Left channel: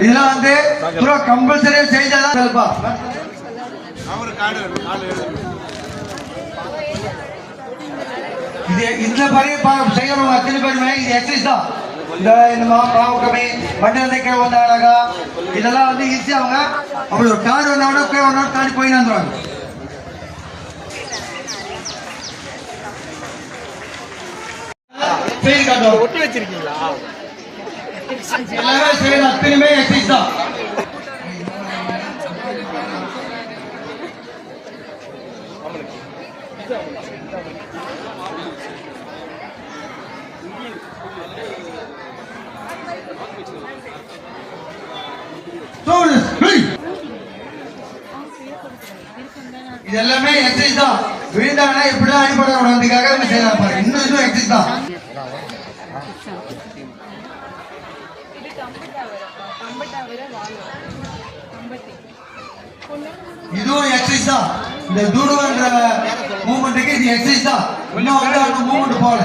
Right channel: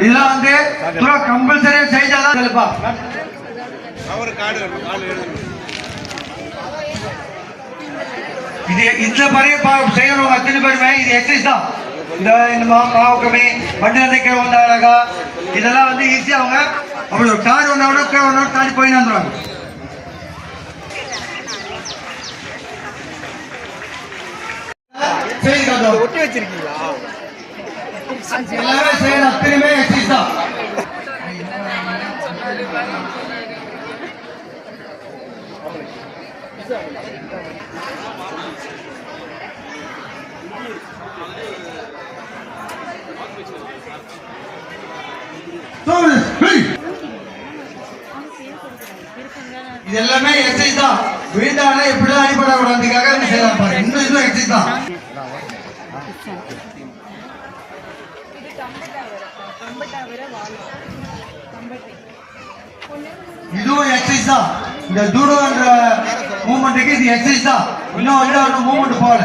இதெல்லாம் வந்து கம்பல்சரி செய்தாதான் இது இந்த படி செய்யறவங்க அத்தனை பேருமே இது எக்ஸசைஸ் தான். இந்த மாவுக்கமே வண்டி தைக்கிற வந்தாங்க இதெல்லாம் வந்து ஈஸியா அவங்க அப்படி ஒரு கார் ஒன்று தாண்டி போயின்னு வந்துடுவாங்க. ஒட்டி வச்சிருக்கீங்களா? எல்லாமே செய்யற அத்தனையுமே எக்ஸசைஸ் தான். இது எல்லாமே எக்ஸசைஸ் தான். விழுந்தாங்கன்னா எப்படிதான் அடிபடக்கூடாது அதுக்காக செய்யலாம் பாருங்க. இன்னும் இதுவும் எக்ஸசைஸ் தான். இதுவும் எக்ஸசைஸ் தான். இந்த தூடுன்ற மூவ்மெண்ட்டுக்கு இது எக்ஸசைஸ் தான். இன்னும் வந்து மூவ்மெண்ட் போகல.